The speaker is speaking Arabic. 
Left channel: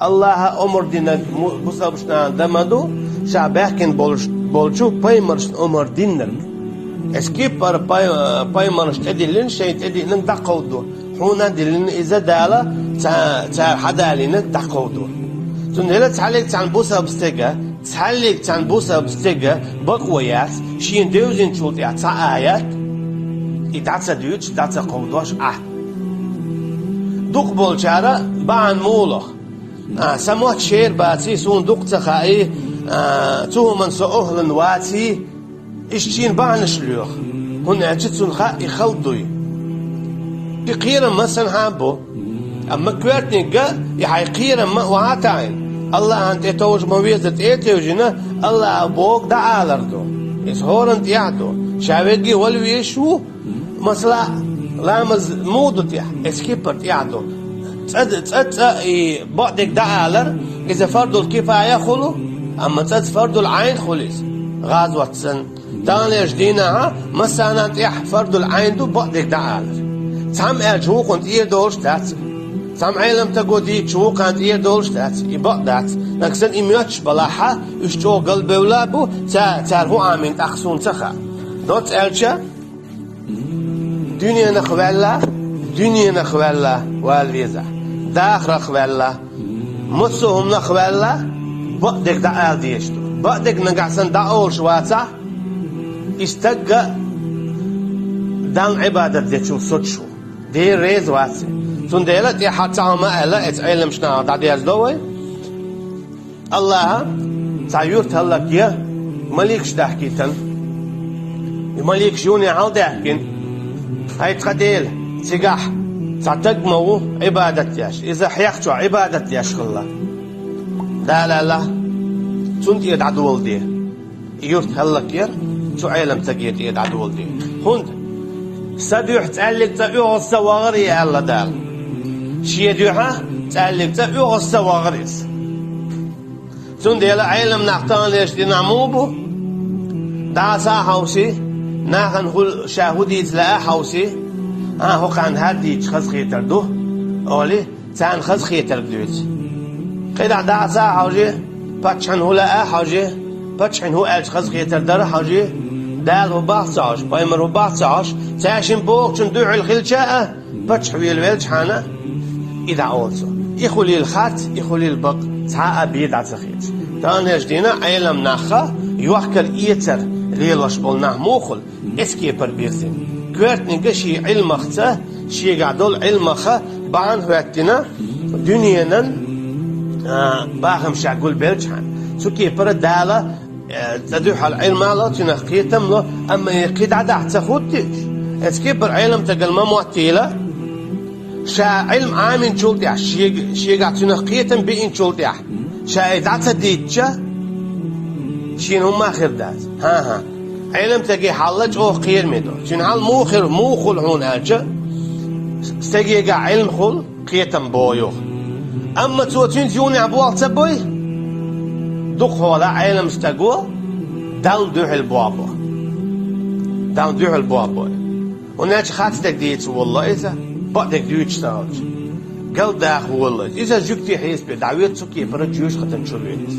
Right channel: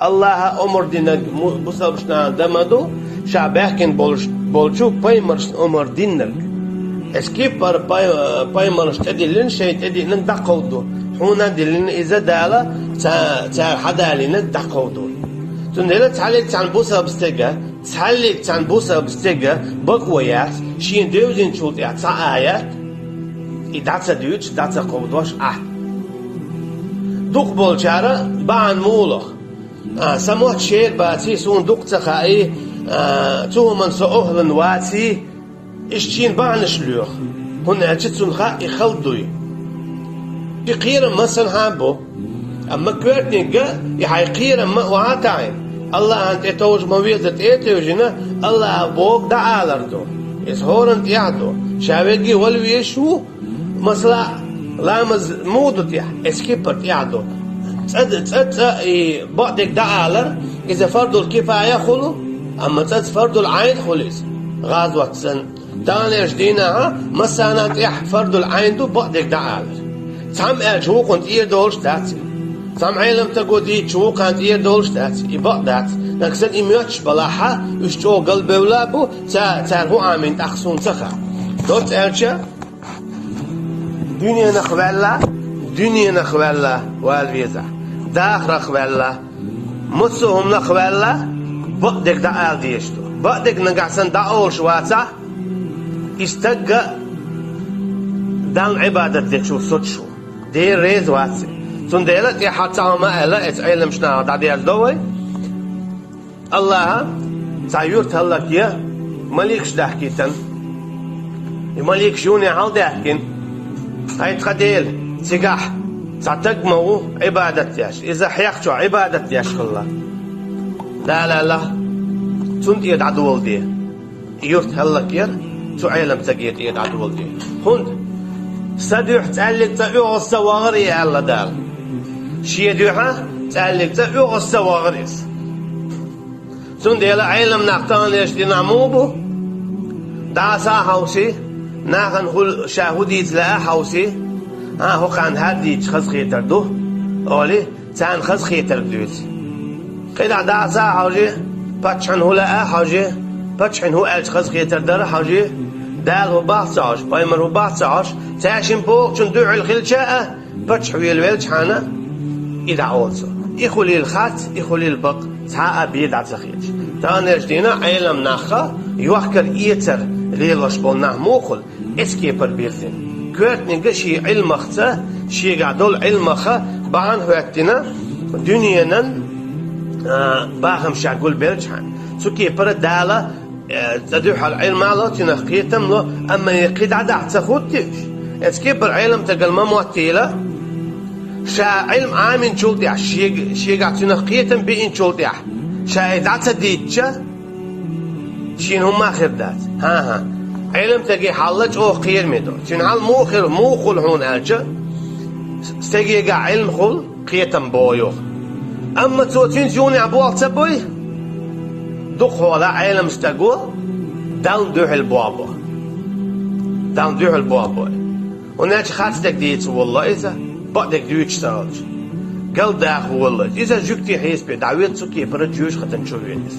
Allah umur dinag busabshna damadu shabekin bolchu paymars umur dinag eskipar paymars tedilin şey tedilin daqawdu huna dilin iza dala ta hadalin daqawdu tundela talik tan busabstega talik tan busabstega baqwayat shin dewzin chulti ta ayat idatsa düç datsa qoldosh duq bolchara ba'an mullah سموت شير باتي سون دكتة خاي تو من سأهلن واتي إشتين بعنش ليوخ هن أجتسون خاي خلدوي يقيرا مثل هابو أما كواتني قال يحيقيرا ما وعاتاين الله أنت توج مويزة إيتوجنا الله أبوك دا آلردو إس هورنت يعدو شاويجي والويشو مثلا لامز مودت يح إسكيبرت يعدو تأت بعدك دعالر إذا فرض الكفاية خلو أما تأت فرض العين خلص غازوة سن تانيش دينها مثلا تيح فرض العين دو بعدك دعالر تام الجو كنت إيه دولش تات تام علم تقودي جو كنت إيه دولش تات يبقدات لكن إمياتش بلاحة يشتو قلب ولابو تارهو آمين أخصون تخا دوت أرشا دنيا نخوالا والفيزا داخ نخوالا مصهم نخوالا بقدك دعال ديشتو بقدك نقعسن دعول شواتا استقى دان عبادة ديشو سوتشو دي ريز واتي سنديلت يحطا ما ألا اتعلم شنا دعدياز دوي الله تعيورت هلك يا مليكش دحكيتن مليك شوني عال دحكين هاي تخديل سيقاح تعتقمو عبادة ياش إذا حيقشو عبادة ياش خلا لا تنت يد عدول دي يورت هلك ير شو علم تقيت يد عدول دي خند سديح تعلق تقيوه السواغري على دار شي يديوها تعلق تقيوه السواغريس تنت يلا علم نعطان ليش دي نعموبو دعسا حوسي ناخن خل شاهودي تلاقى حوسي هو كان هادي خز خيتر دو أولي تان خز خيتر دوت قيد عدا زا حوجي باتشن هو لا حوجي باتشن هو ألش خز خيتر دار حوجي دال هو بعصاش بايمر هو بعصاش تاشين بوق شن دوع الخلشاء باتش حويل ويلش حانا إذا عوضو يخولي الخات يخولي البق تحقق بيد عتخيش تاني جدينا عيلم ناخر يوحكر إيتر ليلوش بولناه موخل اسكي بربيرتين كواتني قشي علمخته شي قاعدول علمخه بعن وقتنا دنيانا باهم شعقول بيرجحان سوكي دالة تدوح العلم الله تنخيتم له أما يقيد عدا تاخدتش اسكي بالعلم تقل ما معتيلة شا علم عامين شولتيح شي قاعد تنخيتم بإن شولتيح شا إذا تديتش شين هم آخر دات ها علم تجي حالج أو خير منه شن حال مو خل هون أرجع استجي علم خل قيتم بويو أما توتين جوني عبوال تبوي دخ هذا علم استجوا داون دوح البابا وناش خاطتك ديت والله إذا بعدك دوش ساوج قال ده والله إذا جوكتي حيس بدعويت سكي فرد جوش ختم شوفينس